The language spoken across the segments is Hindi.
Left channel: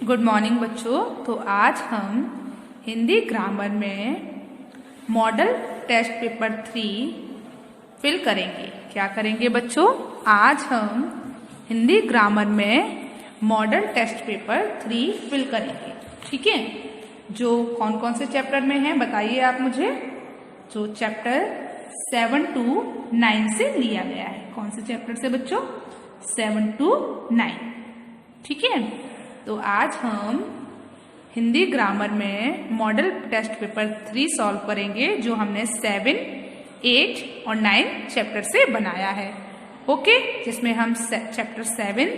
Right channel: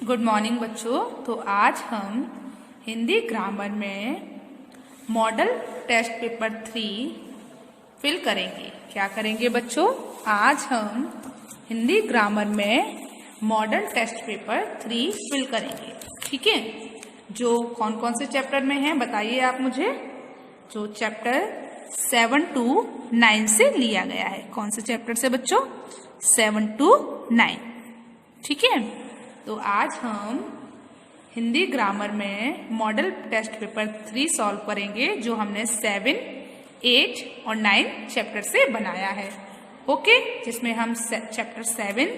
गुड मॉर्निंग बच्चों। तो आज हम हिंदी ग्रामर में मॉडल टेस्ट पेपर 3 फिल करेंगे। क्या करेंगे बच्चों? आज हम हिंदी ग्रामर में मॉडल टेस्ट पेपर 3 फिल करेंगे। ठीक है, जो कौन कौन से चैप्टर में है बताइए आप मुझे। जो चैप्टर 7 to 9 से लिया गया है। कौन से चैप्टर से बच्चों? 7 to 9। ठीक है, तो आज हम हिंदी ग्रामर में मॉडल टेस्ट पेपर 3 सॉल्व करेंगे, जो हमने 7, 8 और 9 चैप्टर से बनाया है। ओके, जिसमें हम चैप्टर 7,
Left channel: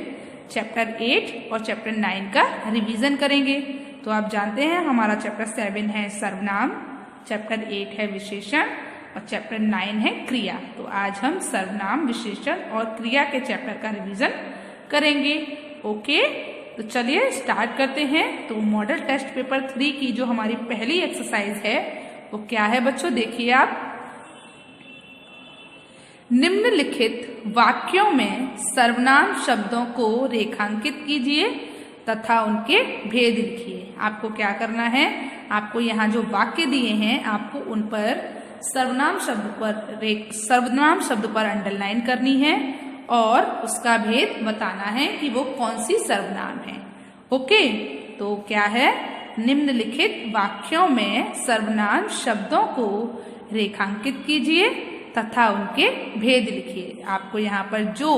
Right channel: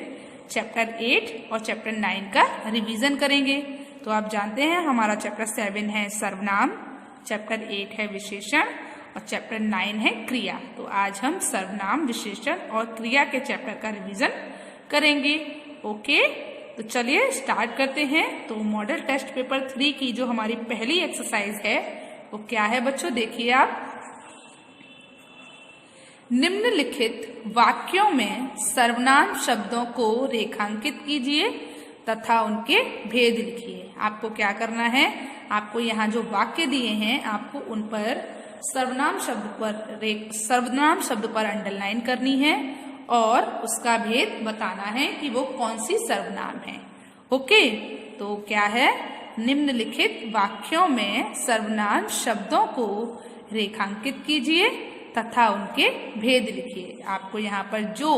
चैप्टर 8 और चैप्टर 9 का रिवीजन करेंगे। तो आप जानते हैं हमारा चैप्टर 7 है सर्वनाम, चैप्टर 8 है विशेषण और चैप्टर 9 है क्रिया। तो आज हम सर्वनाम, विशेषण और क्रिया के चैप्टर का रिवीजन करेंगे। ओके, तो चलिए स्टार्ट करते हैं। तो मॉडल टेस्ट पेपर 3 की जो हमारी पहली एक्सरसाइज है वो क्या है बच्चों? देखिए आप, निम्नलिखित वाक्यों में सर्वनाम शब्दों को रेखांकित कीजिए तथा उनके भेद लिखिए। आपको क्या करना है? आपको यहाँ जो वाक्य दिए हैं आपको उन पर सर्वनाम शब्द पर अंडरलाइन करनी है और उसका भेद बताना है कि वो कौन सी सर्वनाम है। ओके, तो क्या है? निम्नलिखित वाक्यों में सर्वनाम शब्दों को रेखांकित कीजिए तथा उनके भेद लिखिए। आपको यहाँ पर जो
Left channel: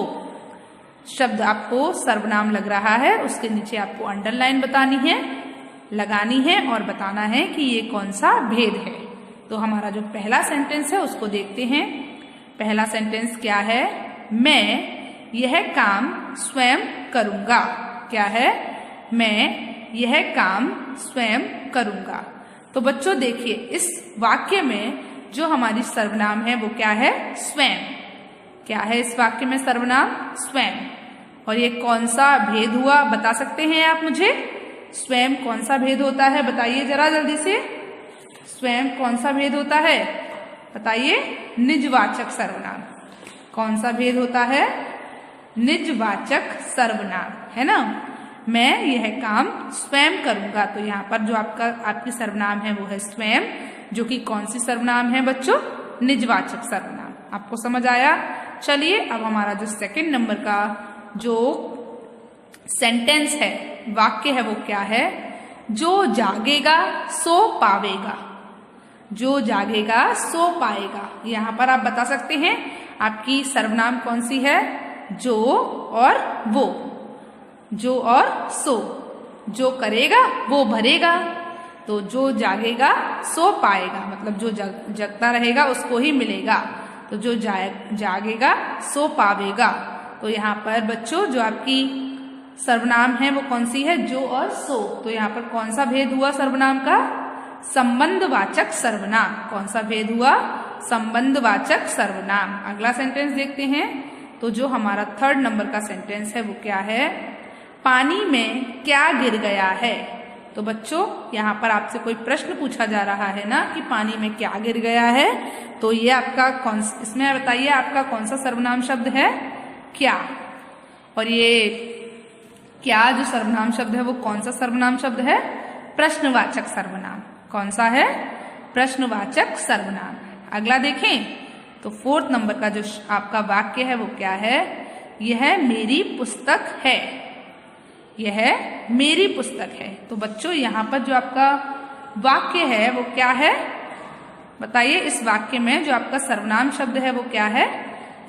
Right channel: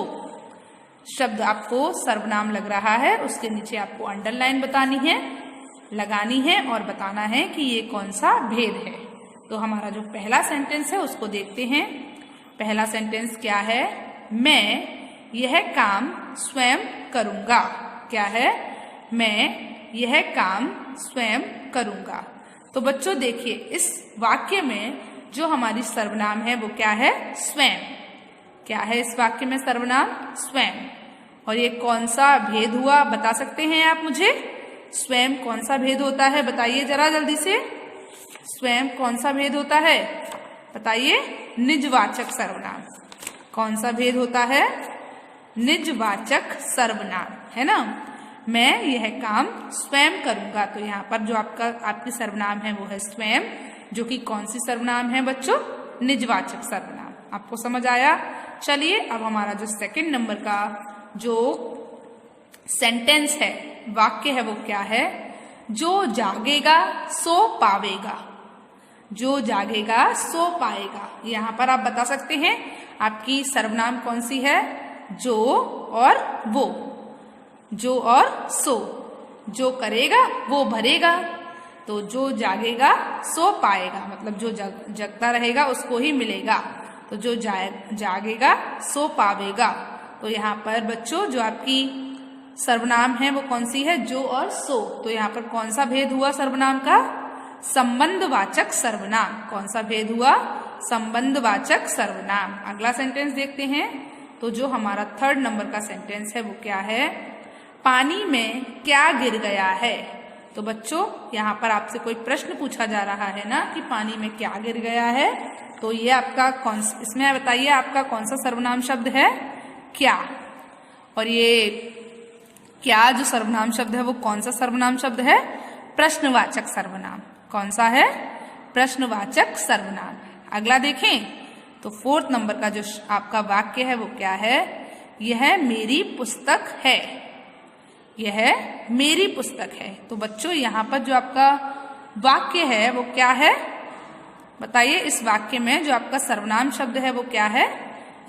शब्द आपको सर्वनाम लग रहा है उसके नीचे आपको अंडरलाइन लगानी है और बताना है कि ये कौन सा भेद है। तो हमारा जो पहला सेंटेंस है उसको देखते हैं। पहला सेंटेंस क्या है? मैं यह काम स्वयं करूंगा। क्या है? मैं यह काम स्वयं करूंगा। तो बच्चों देखिए, इस वाक्य में जो हमारी सर्वनाम है वो क्या है? स्वयं। क्या है इस वाक्य में सर्वनाम? स्वयं। और ये कौन सा भेद हुआ बता सकते हैं आप मुझे? स्वयं कौन सा भेद होता है बताइए जरा जल्दी से। स्वयं कौन सा भेद होता है बताइए? निजवाचक सर्वनाम। कौन सा भेद होता है? निजवाचक सर्वनाम, है ना। मैं यह काम स्वयं करूंगा। तो यहाँ पर जो आपकी सर्वनाम है वो है स्वयं, जो कि कौन सी सर्वनाम है बच्चों? निजवाचक सर्वनाम। आपको समझ आया? चलिए अब हमारा जो सेकंड नंबर का जो सेंटेंस है, वाक्य है, वो क्या है? जो जागेगा सो पावेगा। जो जागेगा सो पाएगा। यहाँ पर आप बता सकते हैं आपकी सर्वनाम कौन सी है? जो और वो। जो और सो। जो करेगा वो भरेगा। तो जो जागेगा सो पाएगा, मतलब जो जगता रहेगा उसको ही मिलेगा। तो जो जागेगा सो पावेगा। तो यहाँ पर बच्चों जो आपकी सर्वनाम है वो कौन सी है? जो और सो। तो यहाँ पर कौन सा भेद हुआ सर्वनाम का? संबंधवाचक सर्वनाम। कौन सा भेद हुआ? संबंधवाचक सर्वनाम। अगला सेंटेंस देखते हैं। तो जो हमारा थर्ड नंबर का सेंटेंस है वो क्या है? पानी में क्या गिर गया है। तो बच्चों यहाँ पर आपसे कोई प्रश्न पूछा जा रहा है ना कि पानी में क्या गिर गया है। तो ये आपका इसमें बताइए आपका कौन सा सर्वनाम शब्द है? क्या। और ये क्या जो सर्वनाम शब्द है वो कौन सा सर्वनाम शब्द है? प्रश्नवाचक सर्वनाम। कौन सा है? प्रश्नवाचक सर्वनाम। अगला देखें तो फोर्थ नंबर का जो आपका वाक्य है वो क्या है? यह मेरी पुस्तक है। यह मेरी पुस्तक है। तो बच्चों यहाँ पर जो आपका वाक्य है वो क्या है बताइए? इस वाक्य में जो आपका सर्वनाम शब्द है वो क्या है?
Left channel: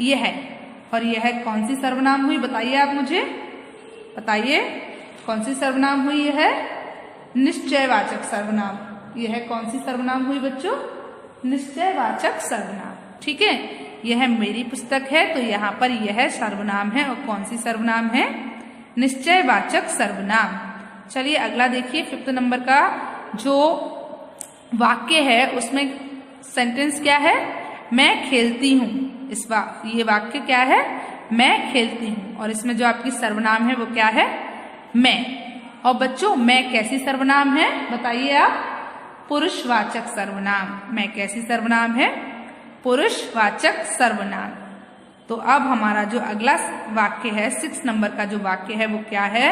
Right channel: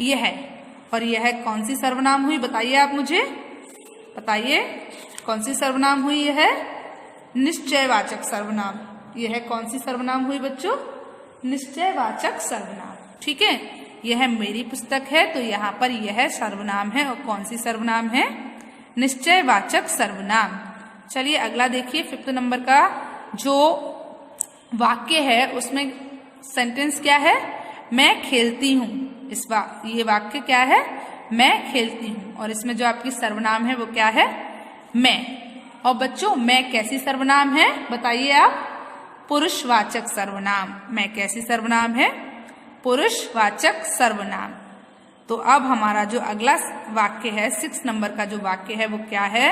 यह। और यह कौन सी सर्वनाम हुई बताइए आप मुझे। बताइए कौन सी सर्वनाम हुई? यह निश्चयवाचक सर्वनाम। यह कौन सी सर्वनाम हुई बच्चों? निश्चयवाचक सर्वनाम। ठीक है, यह मेरी पुस्तक है। तो यहाँ पर यह सर्वनाम है और कौन सी सर्वनाम है? निश्चयवाचक सर्वनाम। चलिए अगला देखिए, फिफ्थ नंबर का जो वाक्य है उसमें सेंटेंस क्या है? मैं खेलती हूँ। ये वाक्य क्या है? मैं खेलती हूँ। और इसमें जो आपकी सर्वनाम है वो क्या है? मैं। और बच्चों मैं कैसी सर्वनाम है बताइए आप? पुरुषवाचक सर्वनाम। मैं कैसी सर्वनाम है? पुरुषवाचक सर्वनाम। तो अब हमारा जो अगला वाक्य है, 6 नंबर का जो वाक्य है वो क्या है?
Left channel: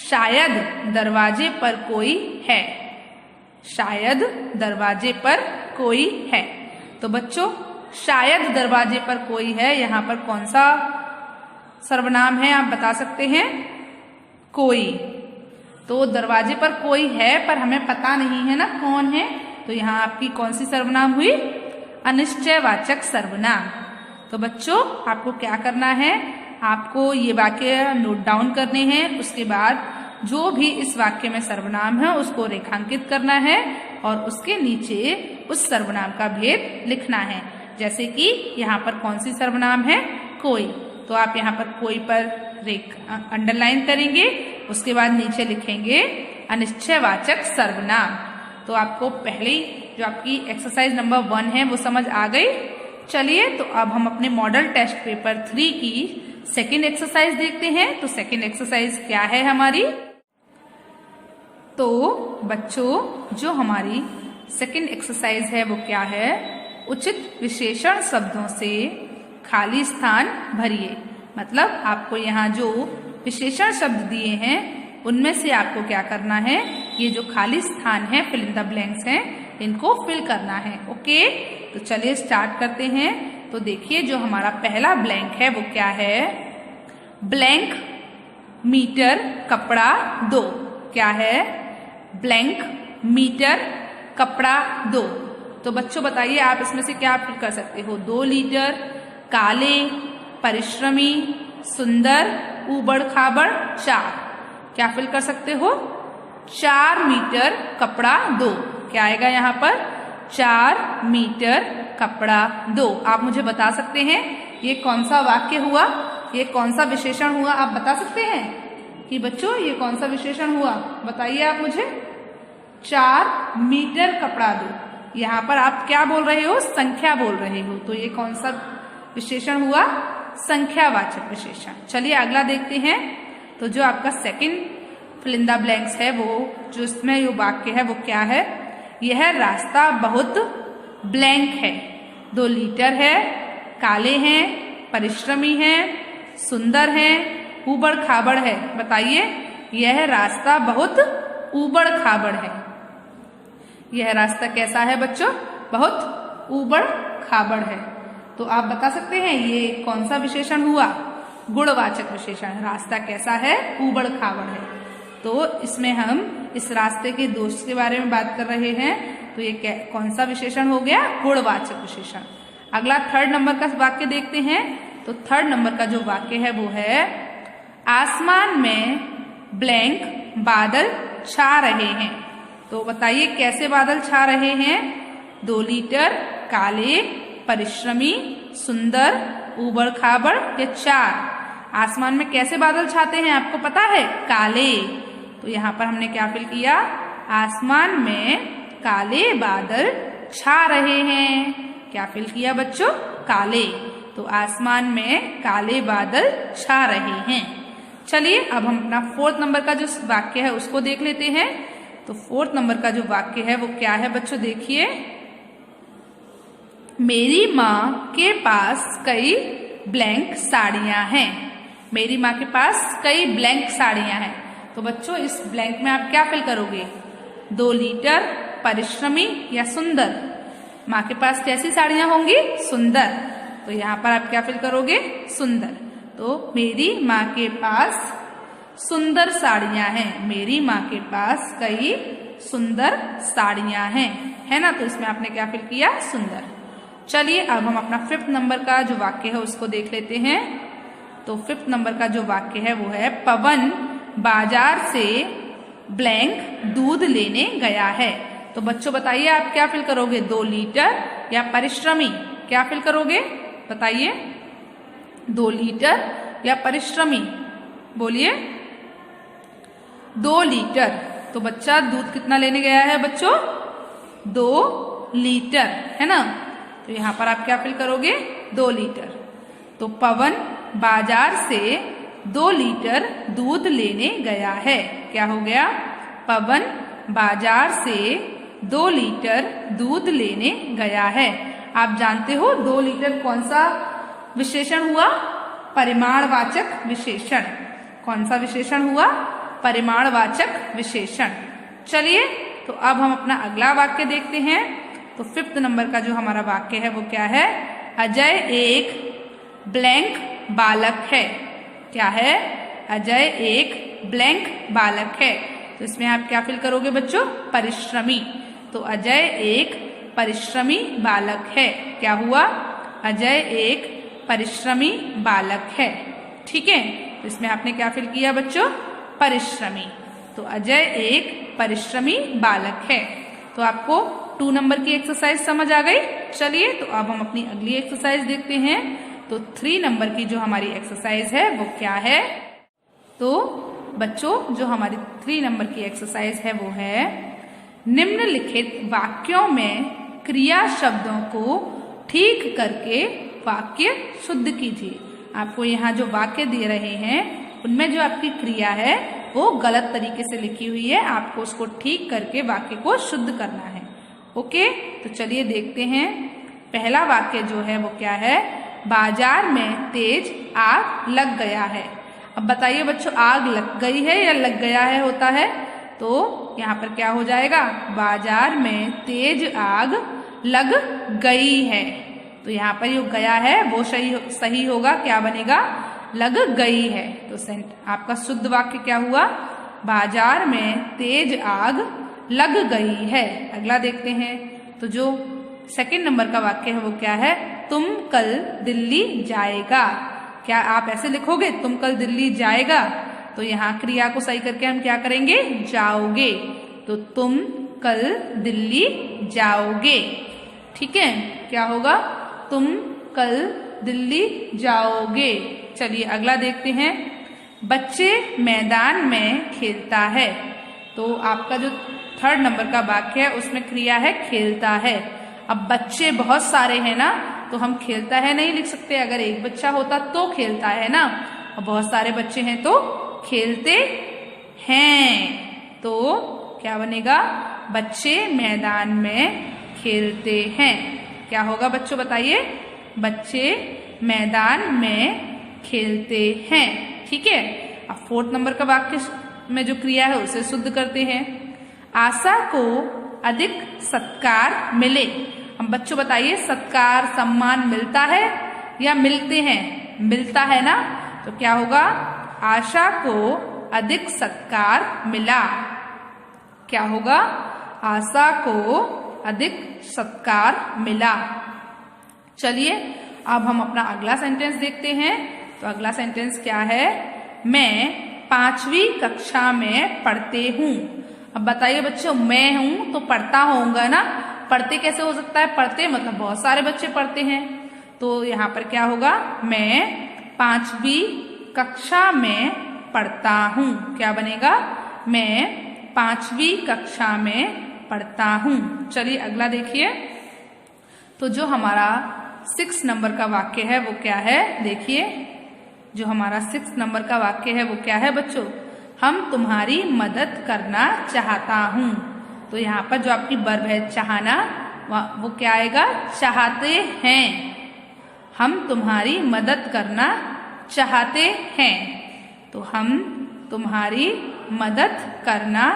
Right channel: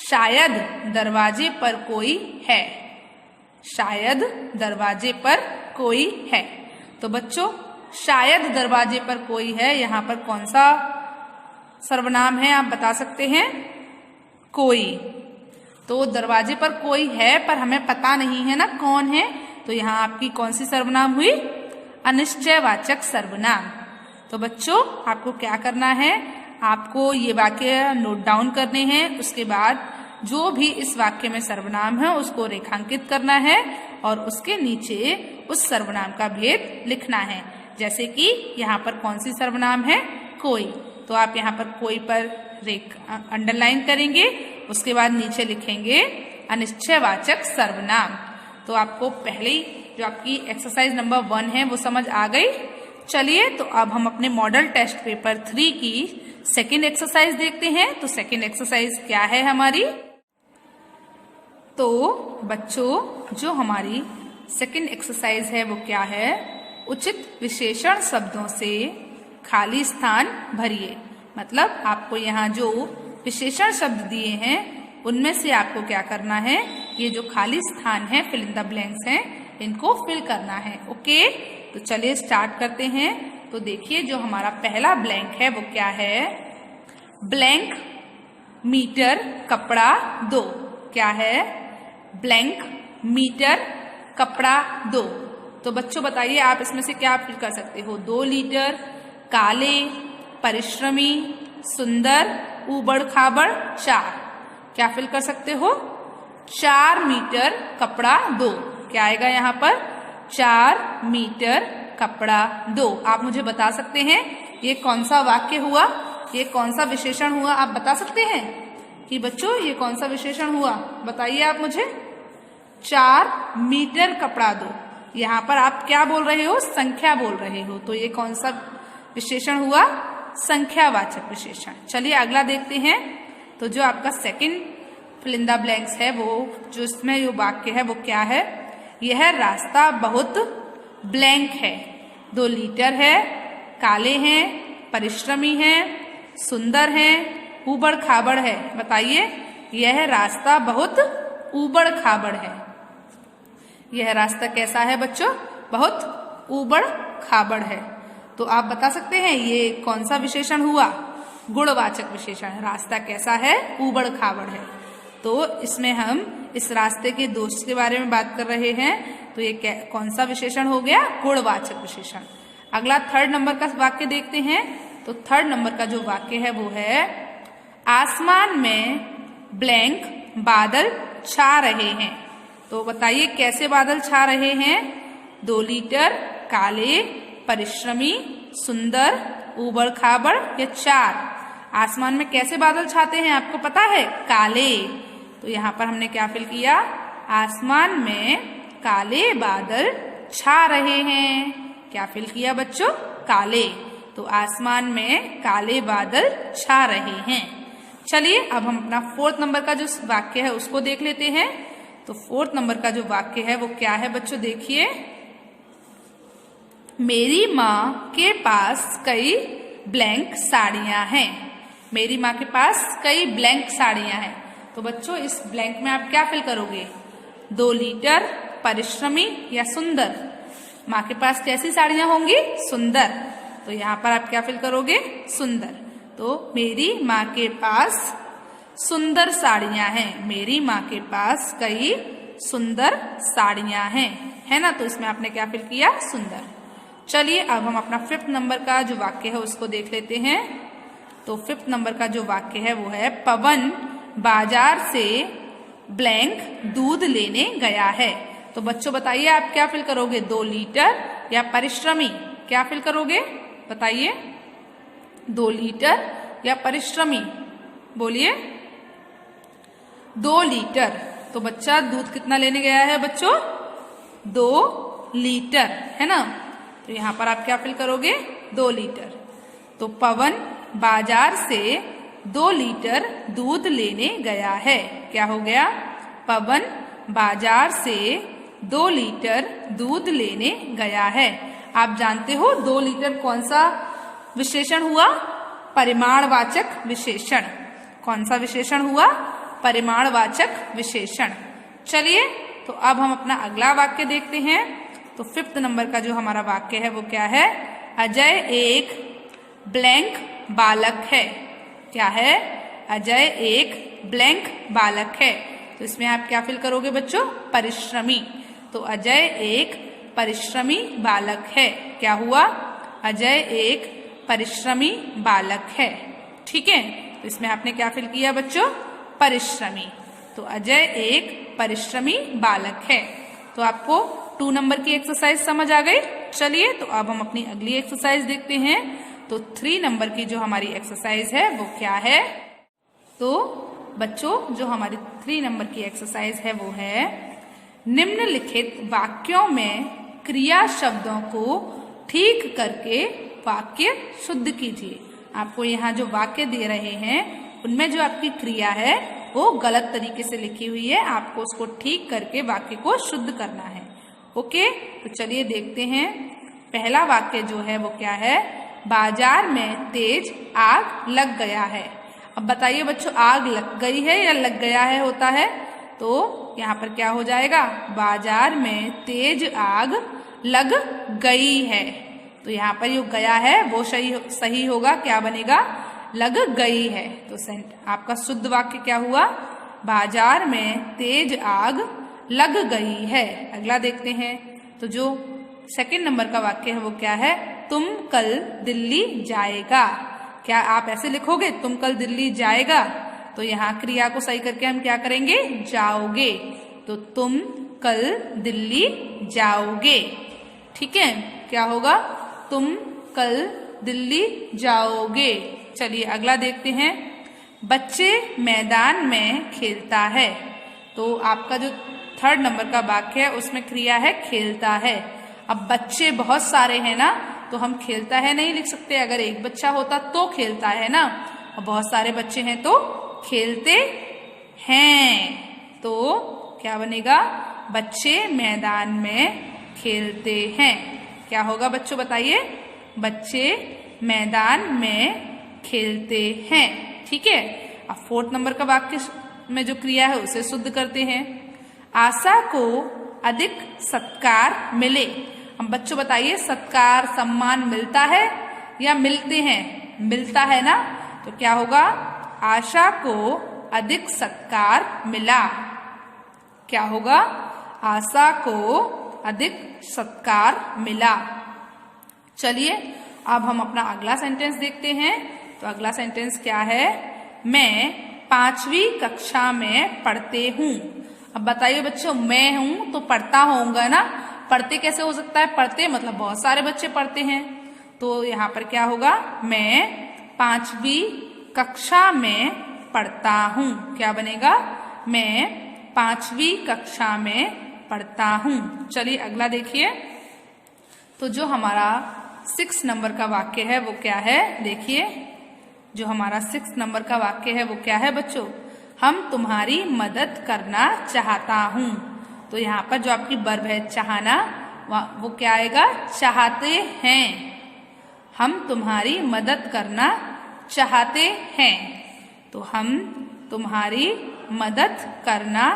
शायद दरवाजे पर कोई है। शायद दरवाजे पर कोई है। तो बच्चों शायद दरवाजे पर कोई है, यहाँ पर कौन सा सर्वनाम है आप बता सकते हैं? कोई। तो दरवाजे पर कोई है पर हमें पता नहीं है ना कौन है, तो यहाँ आपकी कौन सी सर्वनाम हुई? अनिश्चयवाचक सर्वनाम। तो बच्चों आपको क्या करना है, आपको ये वाक्य नोट डाउन करने हैं, उसके बाद जो भी इस वाक्य में सर्वनाम है उसको रेखांकित करना है और उसके नीचे उस सर्वनाम का भेद लिखना है। जैसे कि यहाँ पर कौन सी सर्वनाम है? कोई। तो आप यहाँ पर कोई पर अंडरलाइन करेंगे, उसके बाद नीचे लिखेंगे अनिश्चयवाचक सर्वनाम। तो आपको पहले ही जो आपकी एक्सरसाइज नंबर 1 है वो समझ आ गई। चलिए तो अब हम अपने मॉडल टेस्ट पेपर 3 की सेकेंड एक्सरसाइज देखते हैं। तो सेकेंड एक्सरसाइज क्या है हमारी? तो बच्चों जो हमारी सेकेंड एक्सरसाइज है वो क्या है? उचित विशेषण शब्दों से खाली स्थान भरिए। मतलब आपको यहाँ जो विशेषण शब्द दिए हैं उनमें से आपको क्या करना है, ये जो खाली स्थान है फिल इन द ब्लैंक्स हैं इनको फिल करना है। ओके, तो चलिए स्टार्ट करते हैं। तो देखिए जो हमारा पहला ब्लैंक है वो क्या है? ब्लैंक मीटर कपड़ा दो। क्या है? ब्लैंक मीटर कपड़ा दो। तो बच्चों बताइए आप इसमें से क्या फिल कर सकते हो? 2 लीटर, काले, परिश्रमी, सुंदर, ऊबड़ खाबड़, 4। क्या फिल कर सकते हो? 4 मीटर कपड़ा दो। क्या आएगा यहाँ पर? 4 मीटर कपड़ा दो। आप मुझे बता सकते हैं ये कौन सा वाक्य हुआ, ये कौन सा विशेषण हुआ? आप बता सकते हैं कि बच्चों ये कौन सा विशेषण हुआ? बताइए आप मुझे। 4 मीटर कपड़ा दो। यहाँ पर आप क्या बोल रहे हो? संख्या बोल रहे हो। तो ये कौन सा विशेषण हुआ? संख्यावाचक विशेषण। चलिए अगला देखते हैं। तो जो आपका second fill in the blanks है वो जो इसमें ये वाक्य है वो क्या है? यह रास्ता बहुत ब्लैंक है। 2 लीटर है, काले हैं, परिश्रमी हैं, सुंदर हैं, ऊबड़ खाबड़ है। बताइए यह रास्ता बहुत ऊबड़ खाबड़ है। यह रास्ता कैसा है बच्चों? बहुत ऊबड़ खाबड़ है। तो आप बता सकते हैं ये कौन सा विशेषण हुआ? गुणवाचक विशेषण। रास्ता कैसा है? ऊबड़ खाबड़ है। तो इसमें हम इस रास्ते के दोष के बारे में बात कर रहे हैं, तो ये कौन सा विशेषण हो गया? गुणवाचक विशेषण। अगला 3rd नंबर का वाक्य देखते हैं। तो 3rd नंबर का जो वाक्य है वो है आसमान में ब्लैंक बादल छा रहे हैं। तो बताइए कैसे बादल छा रहे हैं? 2 लीटर, काले, परिश्रमी, सुंदर, ऊबड़ खाबड़, ये 4। आसमान में कैसे बादल छाते हैं आपको पता है? काले। तो यहाँ पर हमने क्या फिल किया? आसमान में काले बादल छा रहे हैं। क्या फिल किया बच्चों? काले। तो आसमान में काले बादल छा रहे हैं। चलिए अब हम अपना 4th नंबर का जो वाक्य है उसको देख लेते हैं। तो 4th नंबर का जो वाक्य है वो क्या है बच्चों? देखिए, मेरी माँ के पास कई ब्लैंक साड़ियाँ हैं। मेरी माँ के पास कई ब्लैंक साड़ियाँ हैं। तो बच्चों इस ब्लैंक में आप क्या फिल करोगे? 2 लीटर, परिश्रमी या सुंदर। माँ के पास कैसी साड़ियाँ होंगी? सुंदर। तो यहाँ पर आप क्या फिल करोगे? सुंदर। तो मेरी माँ के पास सुंदर साड़ियाँ हैं। मेरी माँ के पास कई सुंदर साड़ियाँ हैं, है ना? तो इसमें आपने क्या फिल किया? सुंदर। चलिए अब हम अपना 5th नंबर का जो वाक्य है उसको देख लेते हैं। तो 5th नंबर का जो वाक्य है वो है पवन बाजार से ब्लैंक दूध लेने गया है। तो बच्चों बताइए आप क्या फिल करोगे? 2 लीटर या परिश्रमी? क्या फिल करोगे? बताइए। 2 लीटर या परिश्रमी? बोलिए। 2 लीटर। तो बच्चा दूध कितना लेने गया है बच्चों? 2 लीटर, है ना? तो यहाँ पर आप क्या फिल करोगे? 2 लीटर। तो पवन बाजार से 2 लीटर दूध लेने गया है। क्या हो गया? पवन बाजार से 2 लीटर दूध लेने गया है। आप जानते हो 2 लीटर कौन सा विशेषण हुआ? परिमाणवाचक विशेषण। कौन सा विशेषण हुआ? परिमाणवाचक विशेषण। चलिए तो अब हम अपना अगला वाक्य देखते हैं। तो 5th नंबर का जो हमारा वाक्य है वो क्या है? अजय एक ब्लैंक बालक है। क्या है? अजय एक ब्लैंक बालक है। तो इसमें आप क्या फिल करोगे बच्चों? परिश्रमी। तो अजय एक परिश्रमी बालक है। क्या हुआ? अजय एक परिश्रमी बालक है। ठीक है, इसमें आपने क्या फिल किया बच्चों? परिश्रमी। तो अजय एक परिश्रमी बालक है। तो आपको 2 नंबर की एक्सरसाइज समझ आ गई। चलिए तो अब हम अपनी अगली एक्सरसाइज देखते हैं। तो 3 नंबर की जो हमारी एक्सरसाइज है वो क्या है? तो बच्चों जो हमारी 3 नंबर की एक्सरसाइज है वो है, निम्नलिखित वाक्यों में क्रिया शब्दों को ठीक करके वाक्य शुद्ध कीजिए। आपको यहाँ जो वाक्य दे रहे हैं उनमें जो आपकी क्रिया है वो गलत तरीके से लिखी हुई है। आपको उसको ठीक करके वाक्य को शुद्ध करना है। ओके, तो चलिए देखते हैं। पहला वाक्य जो है वो क्या है? बाजार में तेज आग लग गया है। अब बताइए बच्चों, आग लग गई है या लग गया है होता है? तो यहाँ पर क्या हो जाएगा? बाजार में तेज आग लग गई है। तो यहाँ पर जो गया है वो सही होगा। क्या बनेगा? लग गई है। तो आपका शुद्ध वाक्य क्या हुआ? बाजार में तेज आग लग गई है। अगला देखते हैं। तो जो 2nd नंबर का वाक्य है वो क्या है? तुम कल दिल्ली जाएगा। क्या आप ऐसे लिखोगे? तुम कल दिल्ली जाएगा। तो यहाँ क्रिया को सही करके हम क्या करेंगे? जाओगे। तो तुम कल दिल्ली जाओगे। ठीक है, क्या होगा? तुम कल दिल्ली जाओगे। चलिए अगला देखते हैं। बच्चे मैदान में खेलता है। तो आपका जो 3rd नंबर का वाक्य है उसमें क्रिया है खेलता है। अब बच्चे बहुत सारे हैं ना, तो हम खेलता है नहीं लिख सकते। अगर एक बच्चा होता तो खेलता है ना, और बहुत सारे बच्चे हैं तो खेलते हैं। तो क्या बनेगा? बच्चे मैदान में खेलते हैं। क्या होगा बच्चों बताइए? बच्चे मैदान में खेलते हैं। ठीक है, अब 4th नंबर का वाक्य में जो क्रिया है उसे शुद्ध करते हैं। आशा को अधिक सत्कार मिले। अब बच्चों बताइए, सत्कार सम्मान मिलता है या मिलते हैं? मिलता है ना। तो क्या होगा? आशा को अधिक सत्कार मिला। क्या होगा? आशा को अधिक सत्कार मिला। चलिए अब हम अपना अगला सेंटेंस देखते हैं। तो अगला सेंटेंस क्या है? मैं 5वीं कक्षा में पढ़ते हूँ। अब बताइए बच्चों, मैं हूँ तो पढ़ता होऊंगा ना। पढ़ते कैसे हो सकता है? पढ़ते मतलब बहुत सारे बच्चे पढ़ते हैं। तो यहाँ पर क्या होगा? मैं 5वीं कक्षा में पढ़ता हूँ। क्या बनेगा? मैं 5वीं कक्षा में पढ़ता हूँ। चलिए अगला देखिए। तो जो हमारा 6 नंबर का वाक्य है वो क्या है? देखिए, जो हमारा 6 नंबर का वाक्य है वो क्या है बच्चों? हम तुम्हारी मदद करना चाहता हूँ। तो यहाँ पर जो आपकी वर्ब है चाहना, वो क्या आएगा? चाहते हैं। हम तुम्हारी मदद करना चाहते हैं। तो हम तुम्हारी मदद करना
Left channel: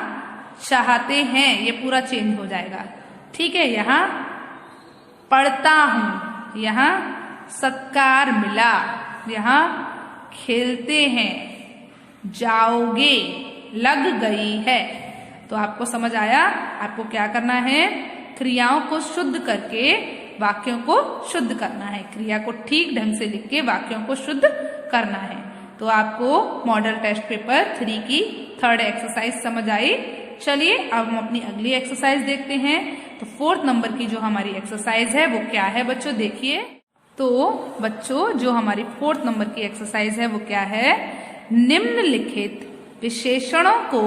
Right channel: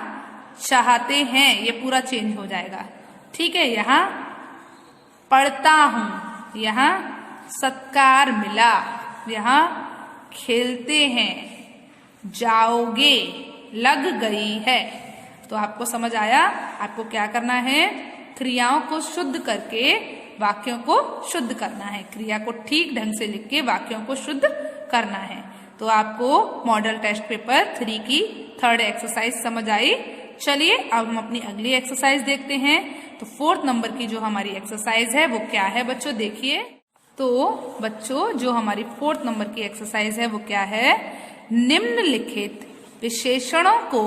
चाहते हैं, ये पूरा चेंज हो जाएगा। ठीक है, यहाँ पढ़ता हूँ, यहाँ सत्कार मिला, यहाँ खेलते हैं, जाओगे, लग गई है। तो आपको समझ आया? आपको क्या करना है? क्रियाओं को शुद्ध करके वाक्यों को शुद्ध करना है। क्रिया को ठीक ढंग से लिख के वाक्यों को शुद्ध करना है। तो आपको मॉडल टेस्ट पेपर 3 की 3rd एक्सरसाइज समझ आई। चलिए अब हम अपनी अगली एक्सरसाइज देखते हैं। तो 4th नंबर की जो हमारी एक्सरसाइज है वो क्या है बच्चों? देखिए, तो बच्चों जो हमारी 4th नंबर की एक्सरसाइज है वो क्या है? निम्नलिखित विशेषणों को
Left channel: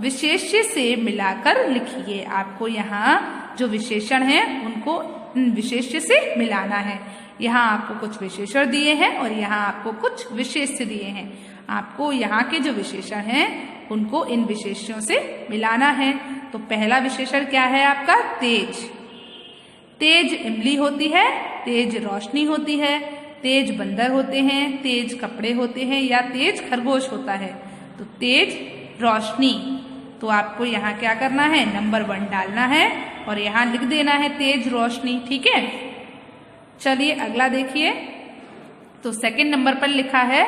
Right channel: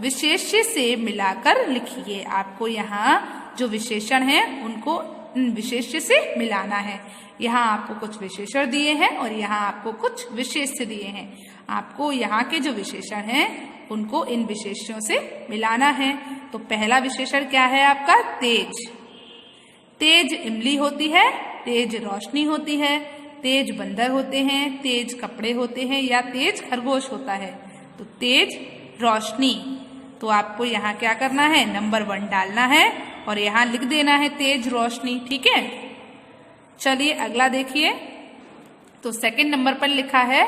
विशेष्य से मिलाकर लिखिए। आपको यहाँ जो विशेषण है उनको विशेष्य से मिलाना है। यहाँ आपको कुछ विशेषण दिए हैं और यहाँ आपको कुछ विशेष्य दिए हैं। आपको यहाँ के जो विशेषण हैं उनको इन विशेष्यों से मिलाना है। तो पहला विशेषण क्या है आपका? तेज। तेज इमली होती है, तेज रोशनी होती है, तेज बंदर होते हैं, तेज कपड़े होते हैं या तेज खरगोश होता है। तो तेज रोशनी। तो आपको यहाँ क्या करना है, नंबर 1 डालना है और यहाँ लिख देना है तेज रोशनी। ठीक है, चलिए अगला देखिए। तो सेकंड नंबर पर लिखा है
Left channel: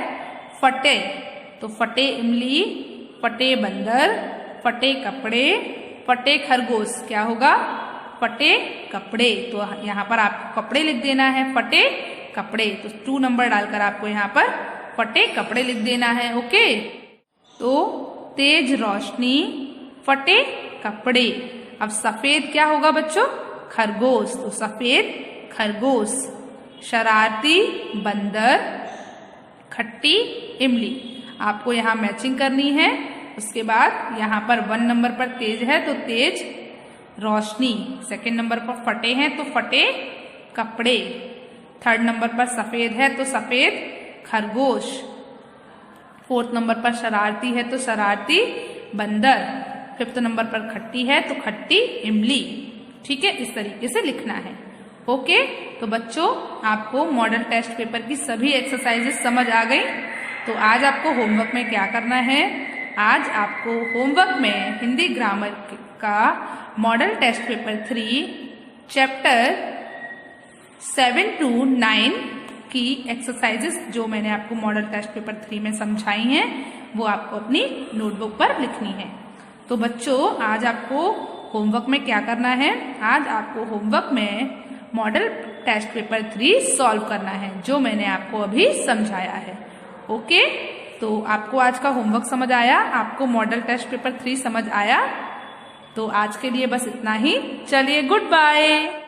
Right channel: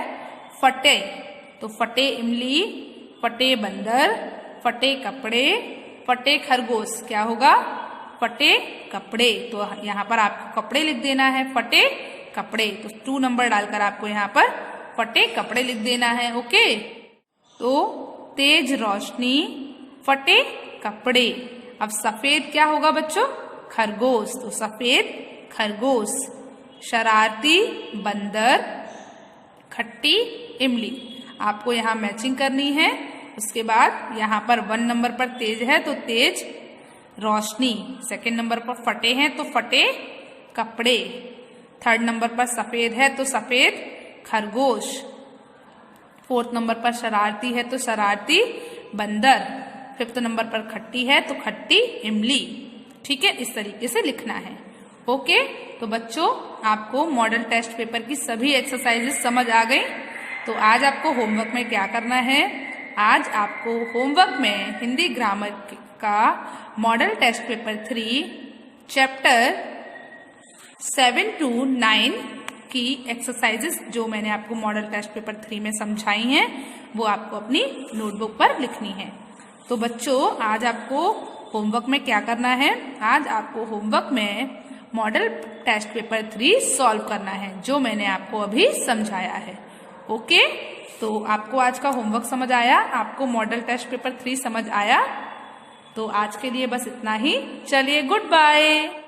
फटे। तो फटे इमली, फटे बंदर, फटे कपड़े, फटे खरगोश। क्या होगा, फटे कपड़े। तो यहाँ पर आपको कपड़े लिख देना है, फटे कपड़े। तो 2 नंबर डालकर आपको यहाँ पर फटे कपड़े लिख देना है। ओके, तो तेज रोशनी, फटे कपड़े। अब सफेद क्या होगा बच्चों, खरगोश। तो सफेद खरगोश, शरारती बंदर, खट्टी इमली। आपको यहाँ मैचिंग करनी है। उसके बाद यहाँ पर 1 नंबर पर तेज है तो तेज रोशनी, सेकंड नंबर पर फटे हैं तो फटे कपड़े, थर्ड नंबर पर सफेद है तो सफेद खरगोश, 4th नंबर पर शरारती है तो शरारती बंदर, 5th नंबर पर खट्टी है तो खट्टी इमली। ठीक है, इस तरीके से लिखना है। ओके, तो बच्चों आपको मॉडल टेस्ट पेपर की सभी एक्सरसाइजेस समझ आ गई। तो आज आपको होमवर्क में क्या करना है, आज आपको होमवर्क में हिंदी ग्रामर का model test paper 3 chapter 7 to 9 की एक्सरसाइजेस जो मैंने आपको मॉडल टेस्ट पेपर 3 में समझाई हैं वो आपको अपनी नोटबुक पर लिखनी है। तो बच्चों आज आपको होमवर्क में क्या करना है, आज आपको होमवर्क में मॉडल टेस्ट पेपर 3 सॉल्व करना है जो मैंने आपको अभी समझाया है। ओके, तो आपको आज का होमवर्क समझ आया, आपको मॉडल टेस्ट पेपर 3 समझ आया। तो आज के लिए बस इतना ही। चलिए, गुड बाय।